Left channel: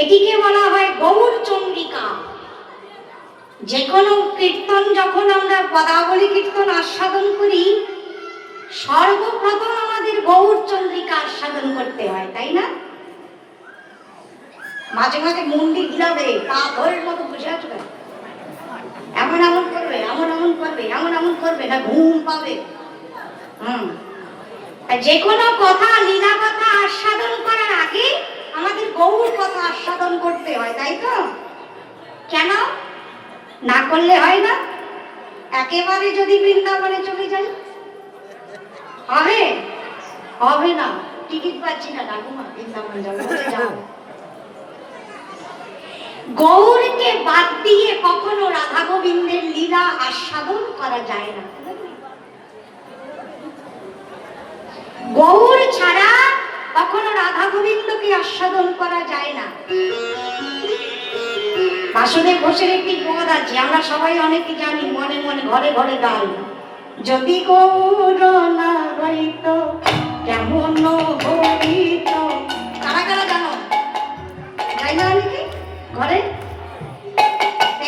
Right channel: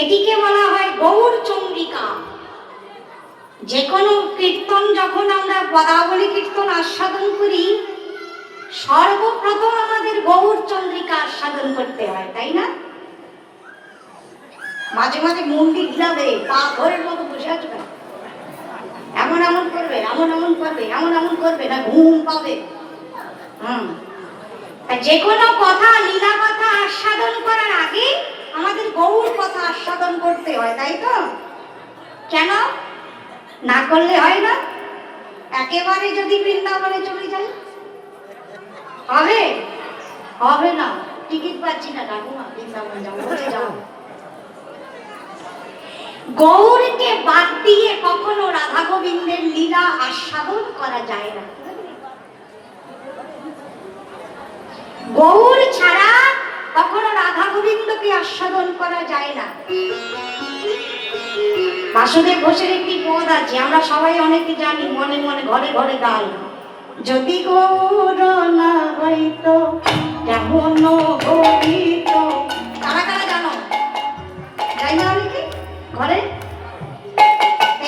এটিকে বলা হয় গৌর চন্দ্রিকা। যে কোনো কীর্তন যখন আমরা পদাবলী কীর্তন আস্বাদন করি, সর্বপ্রথম আমাদের গৌর চন্দ্রিকা আস্বাদন করতে হয়, তাই না? মাঝে মাঝে মন্দির ঘিরাবে, পা ধরের মতো বসে আছো, এমন এমন করবে, এমন এমন করবে, এমন এমন করবে, না ঘুম পাবে। যে কোনো কথা, লীলা কথা আস্বাদন করার আগে আমাদের গৌর কথা আস্বাদন করতে হয়, তাই তো? কেন না করলে হয় না? একেবারে যদি বৃন্দাবনে চলে যাই হবে? হবে না, টিকিট পাচ্ছি না, যাবো না, বৃন্দাবন যাবো, যাবো। গৌরকে বাদ দিয়ে কখনো রাধা গোবিন্দের লীলা আস্বাদন করা যায় না। গৌর ছাড়া কখনো রাধা গোবিন্দকে আস্বাদন করা যায় না। বাসুদেব ঘোষের একটি পদ আছে, আমরা সবাই অনেকে জানি, মনে মনে ঘরে ঘরে গাই। যদি গৌর না হইত কেমন হইত। কারা কারা জানো? যাই না অনেকে ঘরে?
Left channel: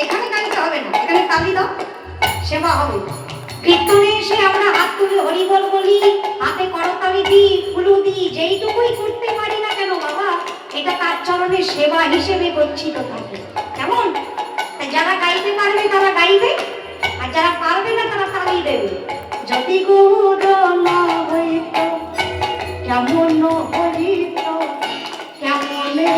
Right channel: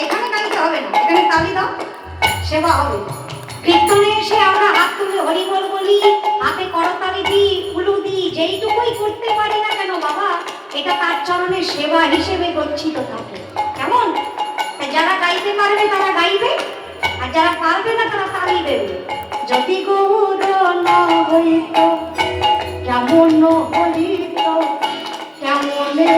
এখানে গাইতে হবে না, এখানে তালি দাও, সেবা হবে। কীর্তনে এসে আমরা হাত তুলে হরিবল বলি, হাতে করতালি দিই, ফুলু দিই, যেইটুকুই করতে পারি না কেন বাবা, এটা তার চরণের সেবা হিসেবে গচ্ছিত থাকে। কেমন? যারা গাইতে পারবে তারা গাইবে, আর যারা পারবে না তারা তালি দেবে। যদি গৌর না হইত কেমন হইত, কেমনে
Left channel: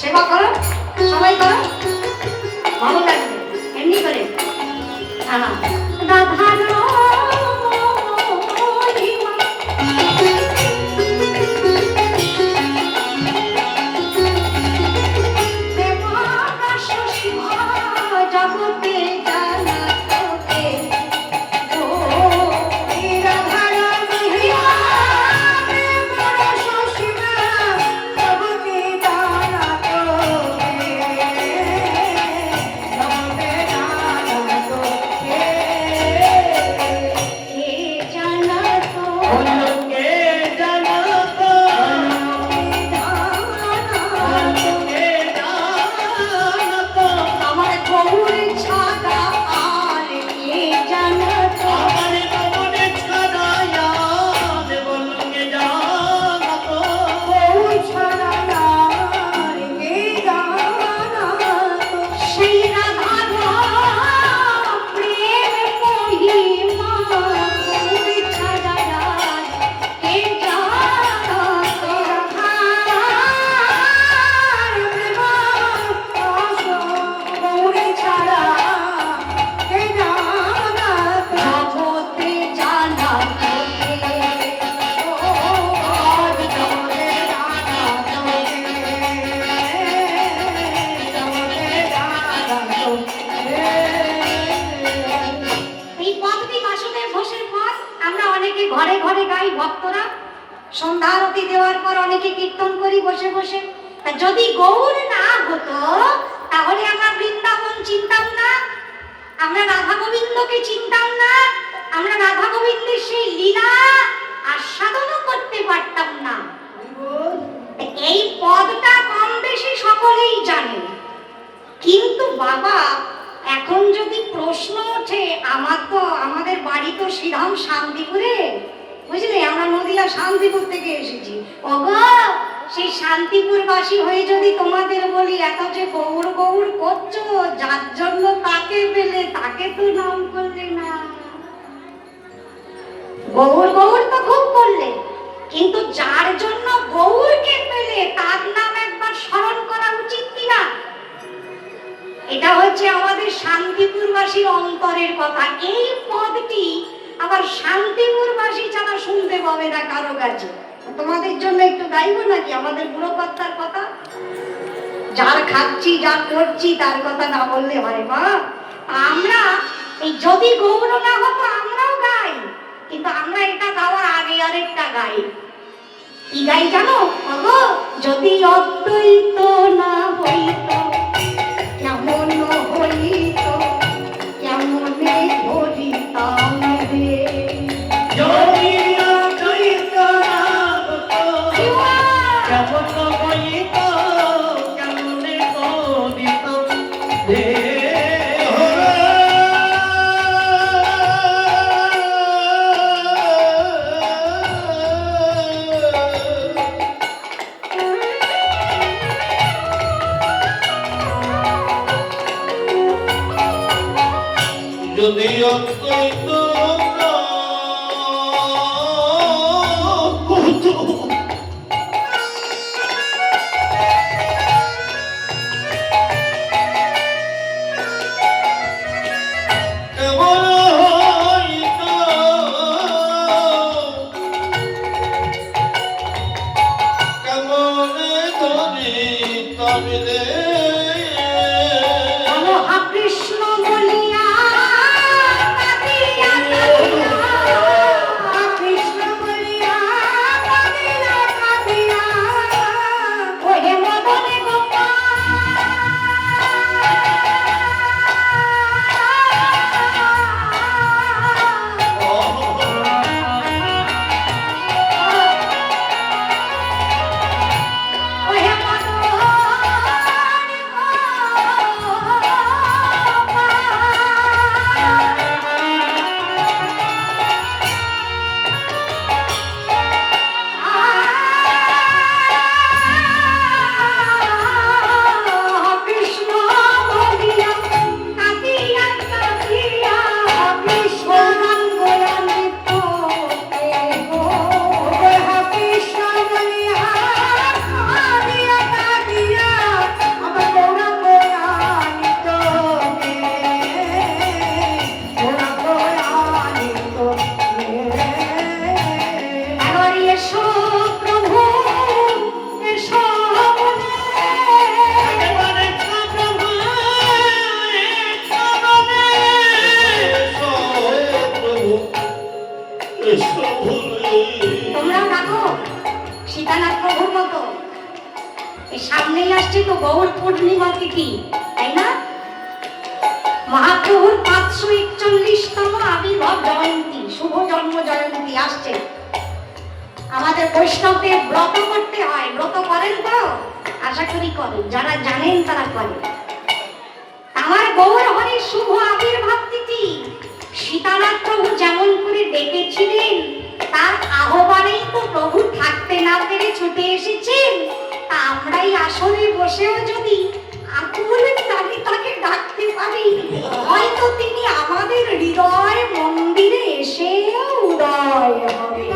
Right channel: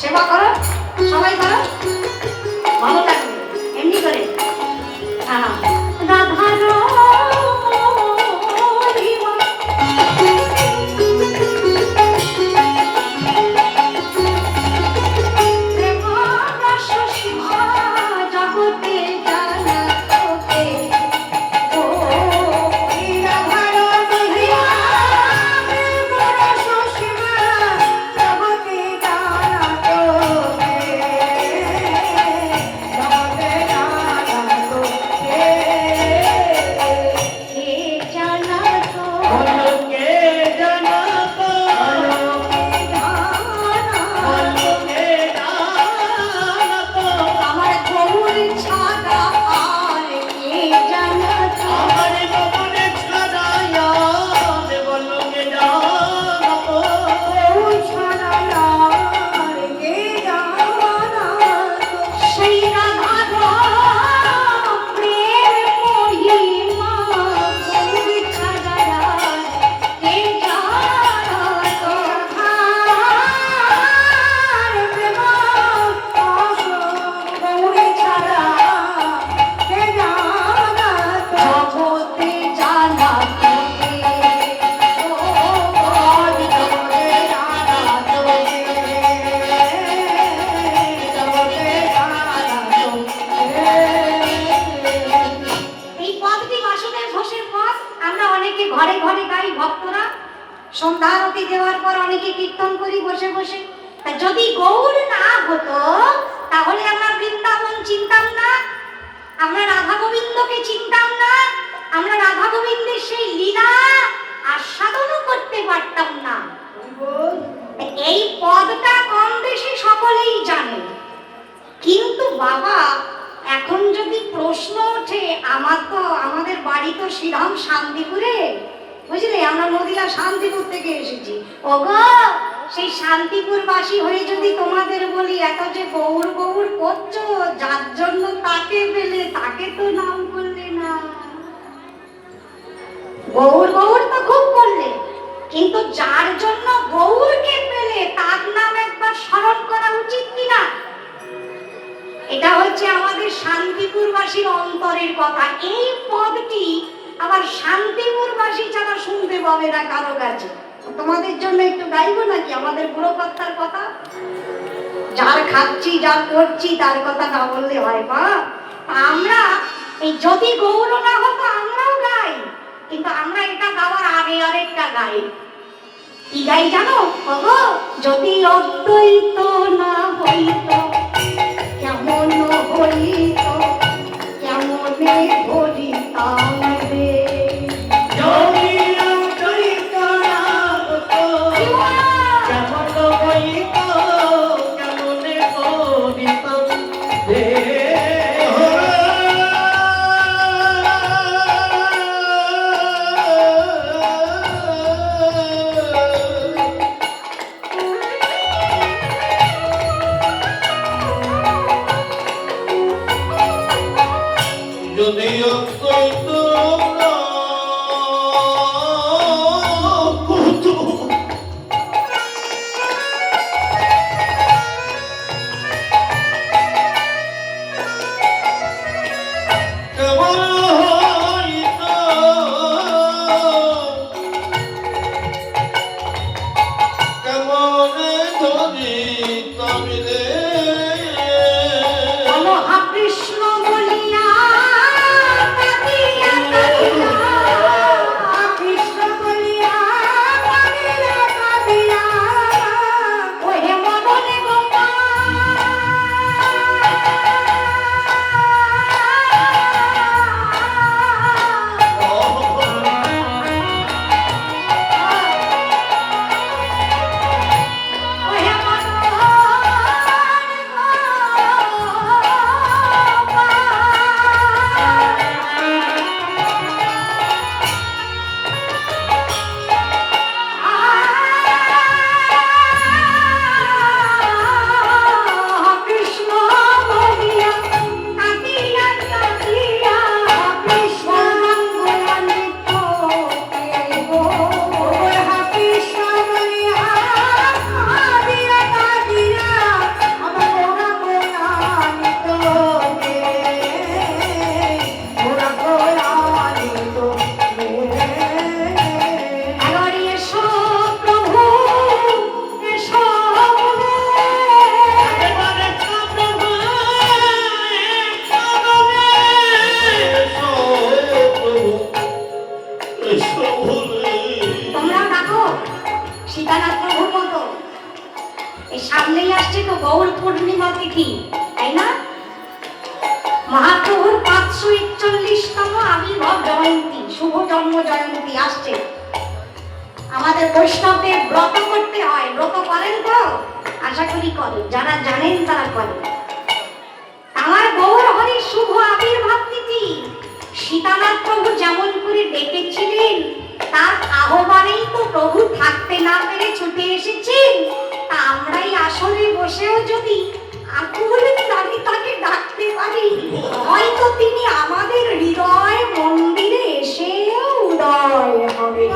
সেবা করো, সবাই করো, ভালো লাগবে এমনি করে। দেওয়ার পর অনেকে কীর্তন করি বসে বসে। তা যদি গৌর না হতো তাহলে আমরা বৃন্দাবন চিনতাম না, আমরা রাধা গোবিন্দকে চিনতাম না, আমরা রাধা গোবিন্দের সেই লীলা আস্বাদনও করতে পারতাম না। এই পদটা কম বেশি সকলেই জানে। কিন্তু বাবা এখন যদি প্রশ্ন ওঠে, আমাদের বাড়ি তো শ্রীরাম শান্তিপুরে, বুঝলে, আমরা নদিয়া শান্তিপুর থেকে এসেছি। ওগো, সেই শান্তিপুরবাসী হয়ে যদি তোমাদের বলি এত যে গৌর গৌর করছো, যার জন্য তাকে পেলে তাকে তো নাম করলে না। গৌর গৌর তো খুব করলে, কিন্তু যার জন্য গৌরকে পেলে তার নাম একবার স্মরণ করা উচিত কিনা? এটা হচ্ছে আমাদের শান্তিপুরবাসীর অন্তরের কথা। এই পদটি আবার শান্তিপুরবাসী ছাড়া শুনতে পাবে না কারো কাছে। তোমাদের জন্য একটু গাইবো নাকি আমাদের বুড়ো কর্তার কথা? যার খাচ্ছি যার করছি তার কথা না বললে হয় মা? আমরা এই যদি গৌর না হতো আমরাও গাই, কিন্তু আমরা এটা গাওয়ার আগে আরেকটা গাই। কি গাই জানো? ওগো, যদি অদ্বৈত না হইত কেমন হইত, কেমনে ভরিতাম রে। যদি অদ্বৈত না হতো কেমন হইত, কেমনে ভরিতাম রে। যদি অদ্বৈত সামনেই আসছে তো গৌর পূর্ণিমা তিথি, তাই না? মহাপ্রভুর 541তম আবির্ভাব জয়ন্তী, শুভ জন্ম জয়ন্তী আসছে। আমাদের বৈষ্ণবদের ব্রত করতে হয়। ব্রত করেন তো? আশা করি করেন, যারা জানেন তারা করেন। আমার গৌর হরির শুভ আবির্ভাব তিথি সীতানাথ প্রভু যেমন করে ডেকেছিলেন, তার আহ্বানেই তো প্রভু থাকতে না পেরে ছুটে এসেছেন। আমরাই আসলে বসেও যদি আকুলে তাকে ডাকতে পারি, হয়তো তিনি আমাদের হৃদয় মন্দিরে এসে উদয় হবে।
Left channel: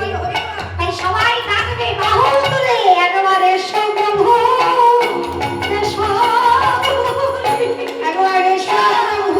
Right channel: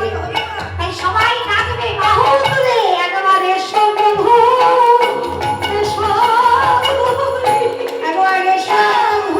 তাই সবাই ডাকবে বাহু তুলে, একেবারে এসো প্রভু, এসো, একেবারে এসো প্রভু।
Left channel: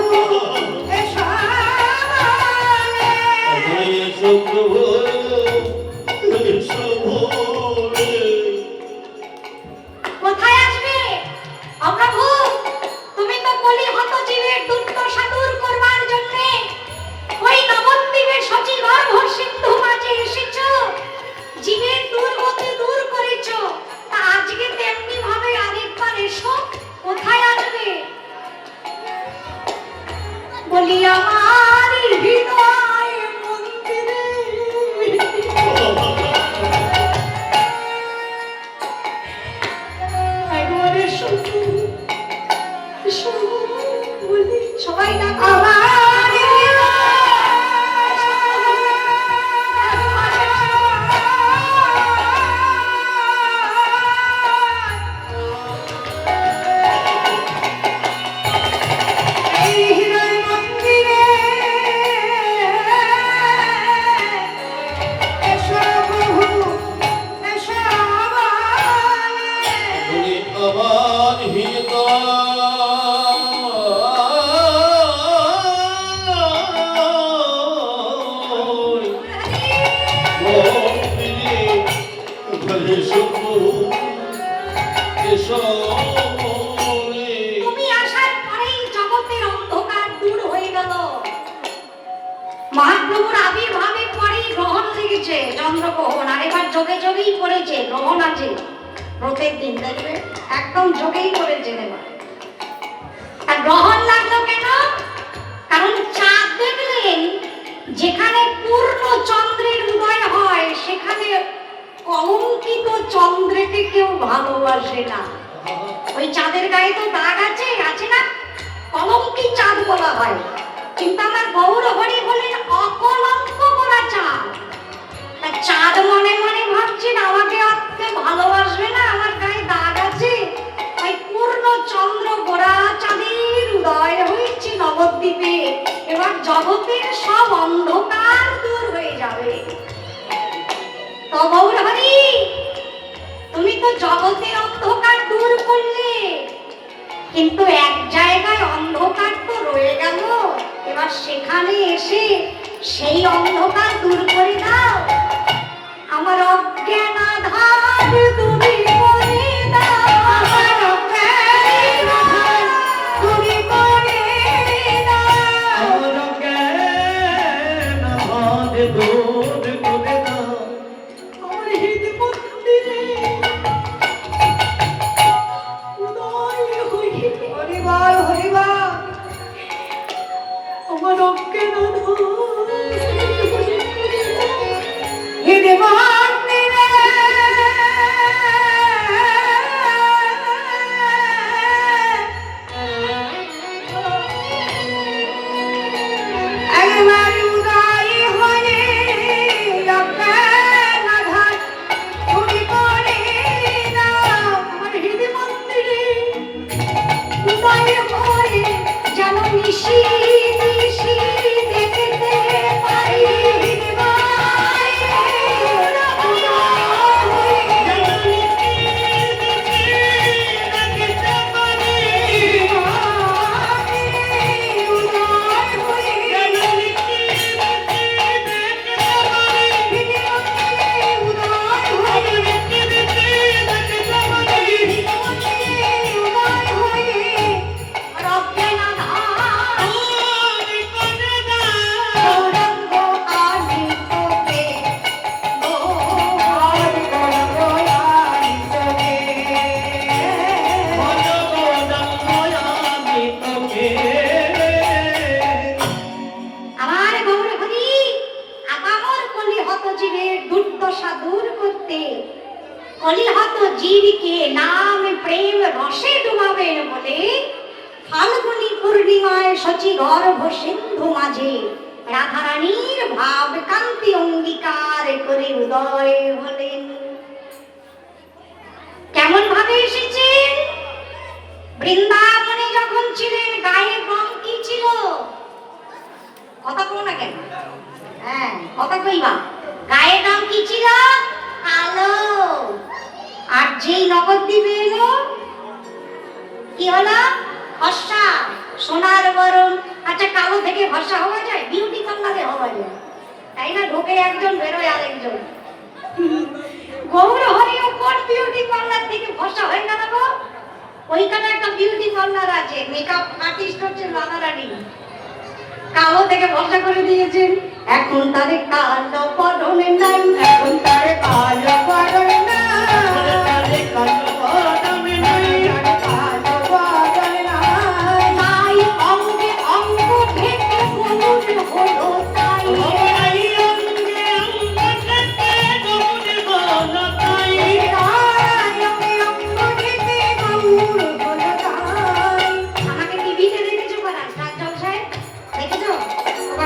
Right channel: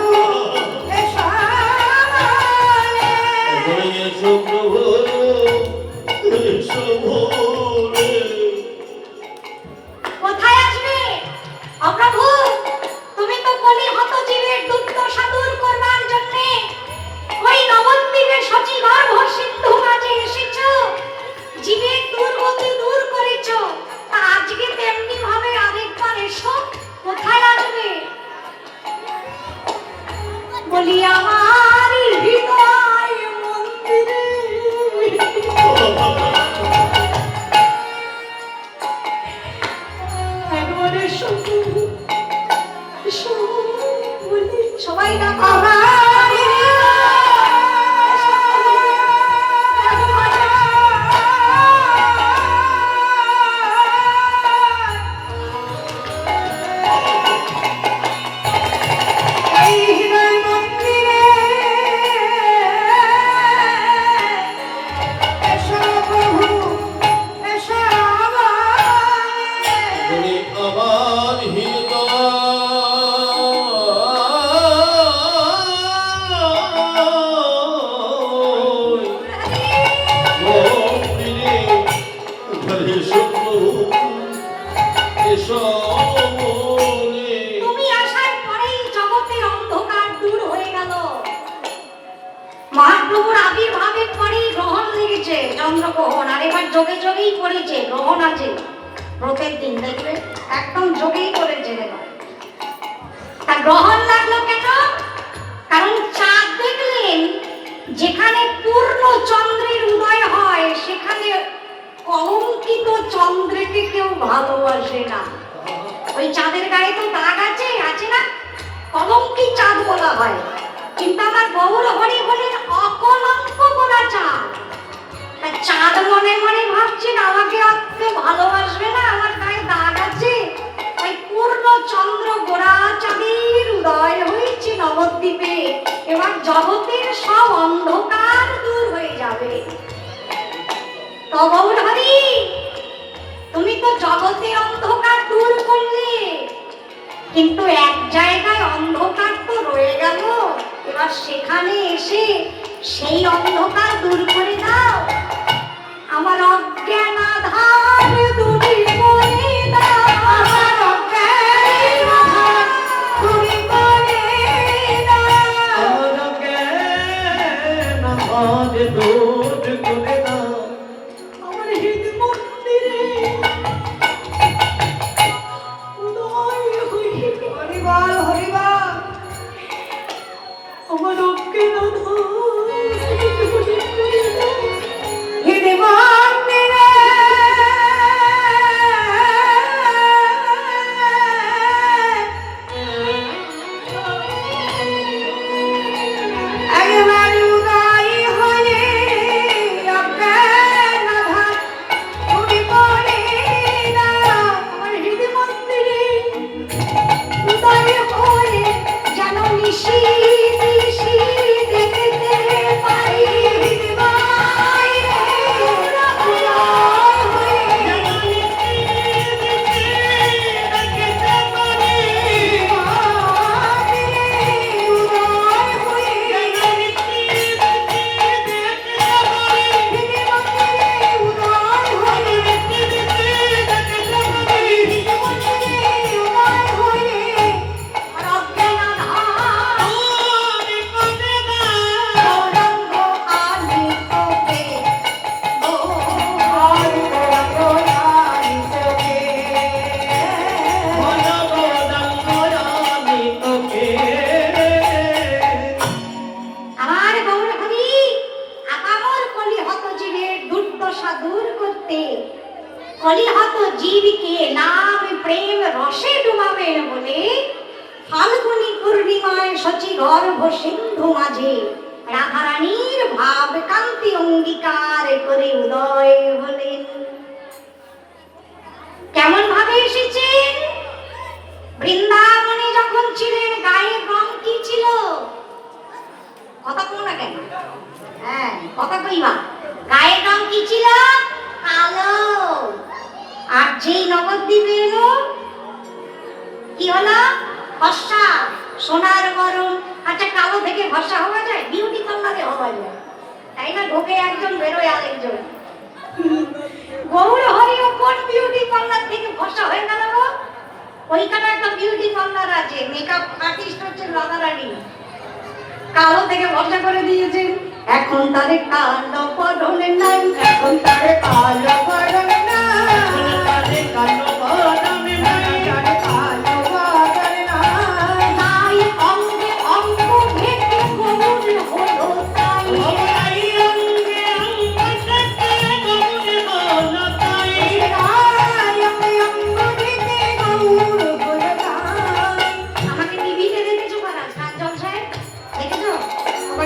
বলি আমার হৃদয় মন্দিরে একবারে শুধু বলি সবাই না তুমি আমার হৃদয় মন্দিরে উঠলে শুধু এসো মনে। তুমি আসার পরেই জগতের অন্ধকার দূর হয়ে গেল। মহাপ্রভুর আবির্ভাবের পরেই গ্রহণ লেগেছে, চন্দ্রগ্রহণ। আর এবার যোগে যোগেই পড়েছে গ্রহণ আছে প্রত্যেক দিন, দেখবে একদম যোগেই করেছে এবার। তা গ্রহণ লাগলো কেন? কারণ চাঁদ দেখলেন যেখানে পূর্ণ চন্দ্রের উদয় হয় সেখানে কলঙ্কিত চন্দ্রকে কেউ ভালোবাসে না। ওই চাঁদের গায়ে তো দাগ আছে, আছে না? কলঙ্কি চাঁদ বলা হয়। কিন্তু আমার গৌর হরি বলেন অকলঙ্ক বলা চাঁদ। তা চাঁদ মনে মনে ভাবছেন আমাকে অর্থে ভালোবাসবে না, আমার গায়ে দাগ আছে। তাই পূর্ণ চন্দ্র গোড়া চাঁদের উদয় হয়েছে নবদ্বীপে। এবার জগতের সব অন্ধকার দূর হয়ে যাবে। তো গৌর হরি, তুমি তো জগতের অন্ধকার দূর করলে, কিন্তু এক জায়গায় অন্ধকার তো রয়ে গেল। এবার সেখানে এসে সেই অন্ধকার দূর করে দাও। আমার অজ্ঞান আধার দূরে করে দাও, আমার অজ্ঞান আধার দূরে করে দাও, আমার জ্ঞান আধার দূর করে দাও। আমার হৃদয় মন্দিরে উদয় হয়ে হরিবার হরিবার আমার অজ্ঞান আধার হৃদয় মন্দিরে একবার উদয় হয়ে অজ্ঞান আধার দূরে করে দাও, আমার হৃদয় মন্দিরে উদয় হয়ে যেন নিশি নিশি দেখতে পাই হৃদয় উদয় হয়ে যেন নিশি নিশি দেখতে পাই উদয় হয়ে যেন নিশি আমার গৌরহরি আকামর কলিহত জীবের দুর্দশা দূর করতে কলিহত জীবকে নাম প্রেম রসে ডুবাবেন বলে ফাল্গুনী পূর্ণিমায় শচী গর্ভ সিন্ধু মাঝে রাধারানীর ভাব কান্তি অঙ্গীকার করে উদয় হলেন। কেমন ভাবে এসেছেন? বৃন্দাবনে যখন ছিলেন গায়ের রং কি ছিল? কথা কো না কেন? হ্যাঁ, কথা কইবা। গায়ের রং কি ছিল? কালো। আর যেই নবদ্বীপে এলো কি হলো? ফর্সা, সোনার বরণ। আচ্ছা, কালো থেকে ফর্সা হওয়া যায়? বিউটি পার্লারে হওয়া যায়, তাই না? ঢোকে একজন, বেরোয় আরেকজন। গৌর হরিও কোন বিউটি পার্লার থেকে ফর্সা হয়ে গেল গো? ওইখানে একটা বিউটি পার্লার আছে, মেকআপ আর্টিস্ট হচ্ছে রাধারানী। কালো থেকে ভরসা করে দিয়েছেন। এখন তারে কালো পরনে নাই, এখন তারে কালো পরনে নাই, তারে কালো পরনে নাই, তারে কালো পরনে নাই। অঙ্গে অঙ্গ ভেঙে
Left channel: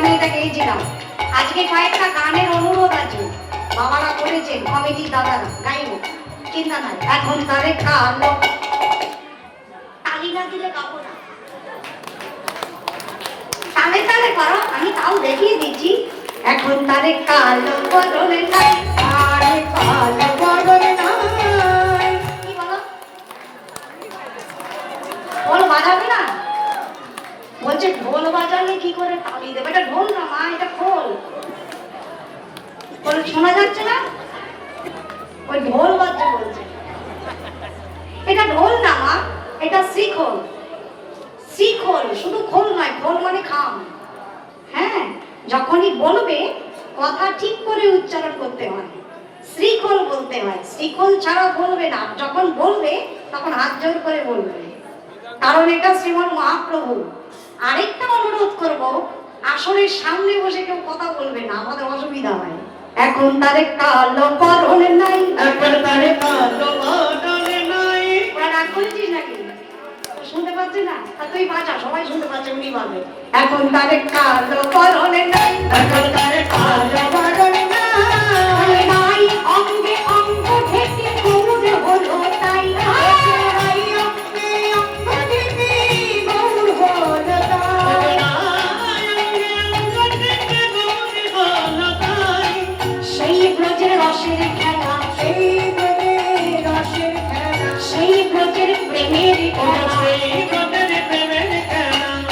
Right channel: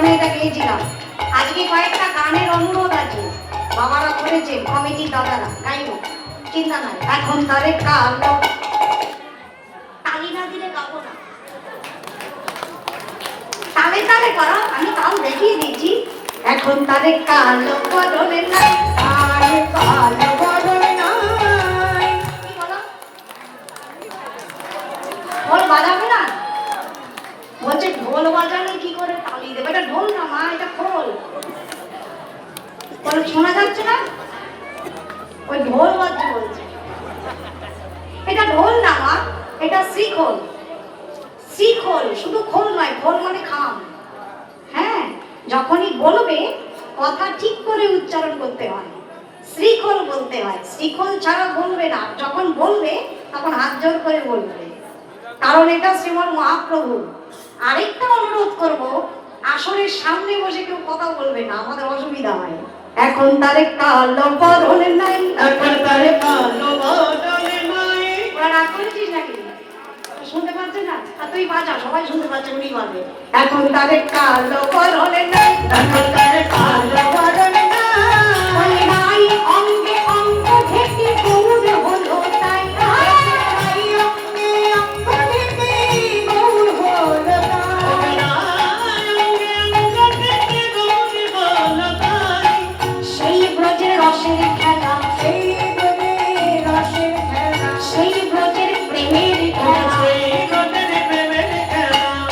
বৃন্দাবনে এটা গেয়েছিলাম। আজকে কয়েকটা গানের অনুরোধ আছে, বাবারা করেছে, কমিটির দাদারা গাইব, চিন্তা নাই। এখন তারে কালো তালি না দিলে গাবো না, তালে তালে করো, আমি তাও দেখিয়ে দিচ্ছি। এখন তারে কালো বদলে নাই, আরে কালো বদলে নাই। কি বলো? ঢোল বাজাবে না? বলছে ঢোল বাজালে কি করে তালি দেবে? এটা ঢোল না মা, এটা খোল। বলে শোনা যাচ্ছে না? ওই ঢোল বাজছে বলছে। এটা ঢোল না মা, এটা শ্রীখোল। শ্রীখোল, শুধু খোল নয়, খোল মানে খাম। হ্যাঁ, যখনই বলবে কথা ঠিক করে উচ্চারণ করতে হয়, শ্রীখোল বলতে হয়। শ্রীখোল ছাড়া বলবে না, যখন বলবে তখন হাত জোর করে বলবে, কারণ এটা শ্রীমৎ মহাপ্রভু। আরেকটা অনুরোধ করব, আসরের সামনে বসে কেউ কথা বলবে না, আমাদের অসুবিধা হয়। এখন তারে কালো বরণ নাই, এখন তারে কালো বদলে নাই। রাগ করেছিস নাকি? শুনতে পাচ্ছে না? তা তুই বাজা, সবাই শুনতে পাচ্ছে, উনি বাজে। এখন তারে কালো বরণ নাই, এখন তারে কালো বদলে নাই, অঙ্গে অঙ্গ থেকে গৌর হলো তাই, নাই। অঙ্গে অঙ্গ থেকে গৌর হলো তাই। সেই ব্রজের রসের খেলা, সেই ব্রজের রসের খেলা, সেই ব্রজের প্রেমের খেলা,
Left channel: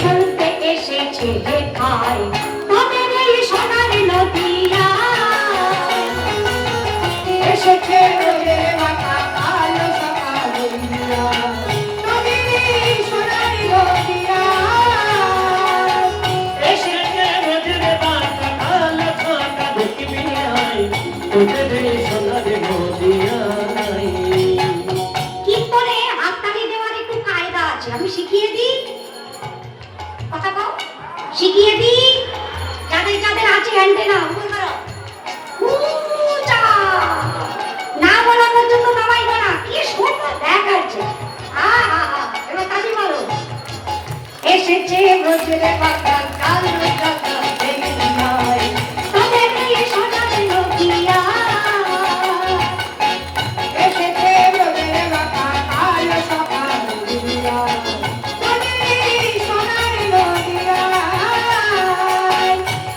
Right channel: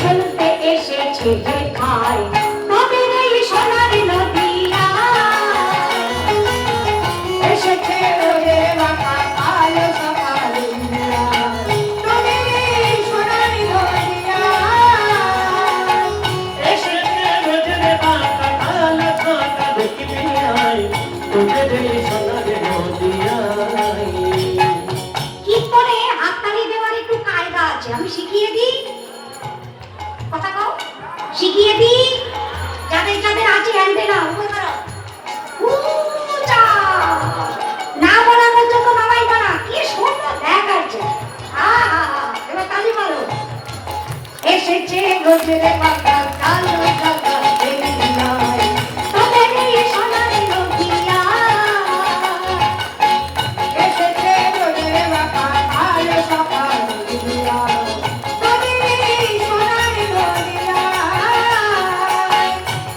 খেলতে এসেছে যে খায় তবে এই সোনার নদিয়া। এসেছে ব্রজের মাথা কালো সকাল উড়িয়া, তবে এই সোনার নদিয়া। কীর্তনে হাততালি দেওয়ার একটু কায়দা আছে, আমি শিখিয়ে দিই। কথা কও, শিখিয়ে দিই। যাদের যাদের আছে অ্যান্টেনা উপর করো, উঁচা। না বলার জন্য নামাই করা, কি সুন্দর দেখাচ্ছে। এবার তালি মারো। এসেছে গজলে পাতা কালো টাকা দেবে নাই, তবে এই সোনার নদিয়া। এসেছে গজলে পাতা কালো সকাল উড়িয়া, তবে এই সোনার নদিয়া,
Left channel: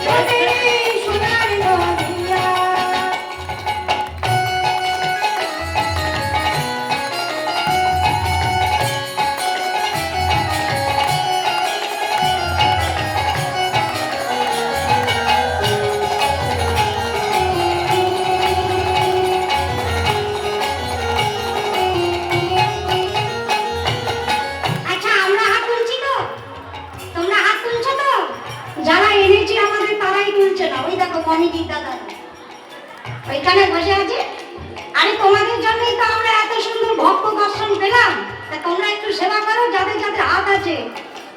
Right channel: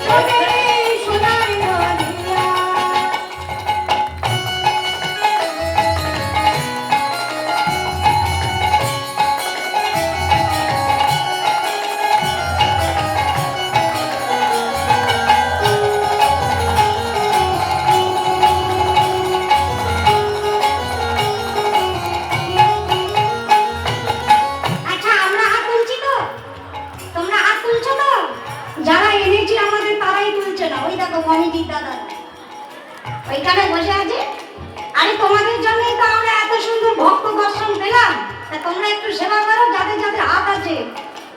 তবে এই সোনার নদিয়া। আচ্ছা, আমরা হাত তুলছি তো? তোমরা হাত তুলছো তো? যারা এনেছি আমাদের তারাই তুলছে না, ওই দেখো কমিটির দাদা ওইখানে বসে আছে। আরে তোমাদের জন্যই তো আমরা এত সুন্দর ভক্ত দর্শন পেলাম। তা তোমরা একটু সেবা করো, যাদের যাদের হাত আছে,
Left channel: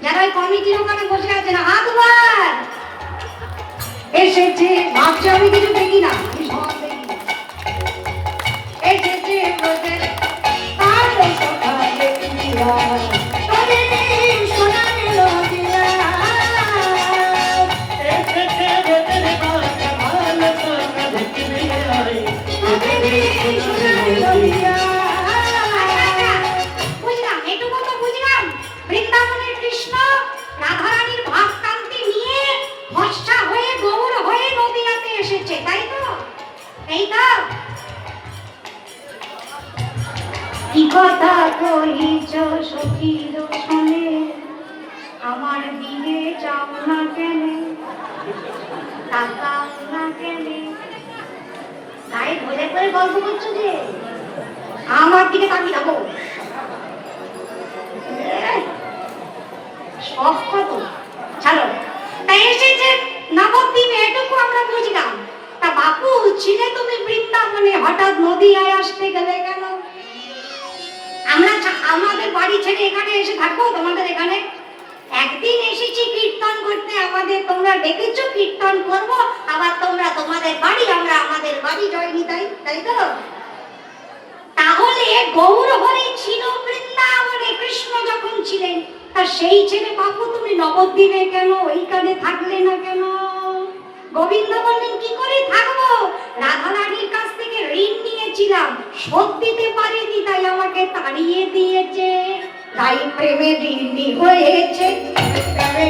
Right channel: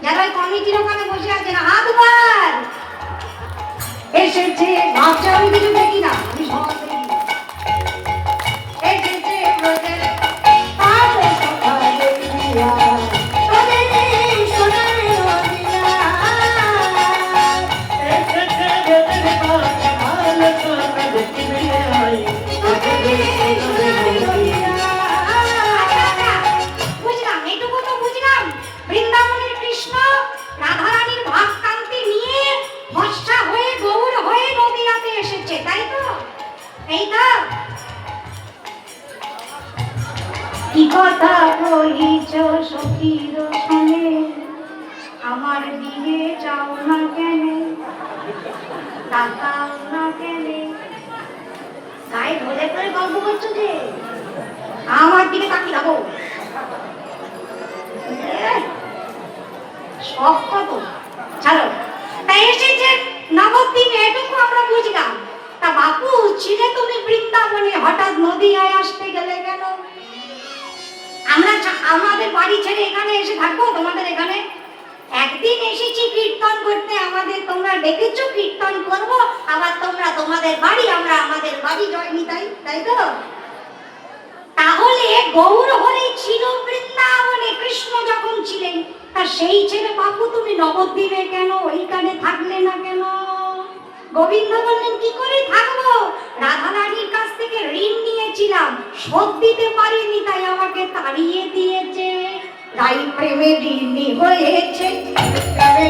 যারা ওই কমিটির ওখানে বসে আছে না, হাত বার। এসেছে ভাবছে আমি কিছু দেখি না, আমি সব দেখি। এসেছে ব্রজের কালো সকালে উড়িয়া, তবে এই সোনার নদিয়া। বুঝলাম, এটুকু তো বুঝলাম। বৃন্দাবনের কৃষ্ণ রাধারানীর ভাবকান্তি নিয়ে ফর্সা হয়ে গৌর হয়ে নদীনাতে এসেছে, তাই তো? এই তো কি কথা কহিছ সখীর শুনে, আমার দিকে যাও না কেন, তাকাও না কেন। গায়ে ধরে করে গল্প করছো যে, আমার দিকে তাকিয়ে যাবো। সব খবর ছাড়ো। তাই এসেছে নবদ্বীপে, এটুকু আমরা বুঝলাম। তা বাপু, ছিলে তুমি বৃন্দাবনে, হঠাৎ নদীয়ায় আসতে গেলে কেন? আমরা আমাদের বাড়ি ছেড়ে এখানে এসে থাকবো তোমাদের এখানে? একদিন এসেছি কীর্তন করতে আমাদের, তোমরা ডেকেছো কীর্তন করব, আবার তোমরা তোমাদের বাড়ি, আমরা আমাদের বাড়ি জয়নি, তাই তো? তাহলে গৌর হরি ছিল বৃন্দাবনে কৃষ্ণ যখন ছিলেন, তা সেই ছেলে বাপু তুমি নবদ্বীপে কেন, ওইখানে থাকলে না কেন? গোবিন্দ বললেন কি করে থাকবো, রাধা রানীর কাছ থেকে ঋণ নিয়েছিলাম, শোধ দিতে পারিনি, তাই আমাকে তাড়িয়ে দিয়েছে। তাই প্রেমে ঋণী হয়েছে। তারে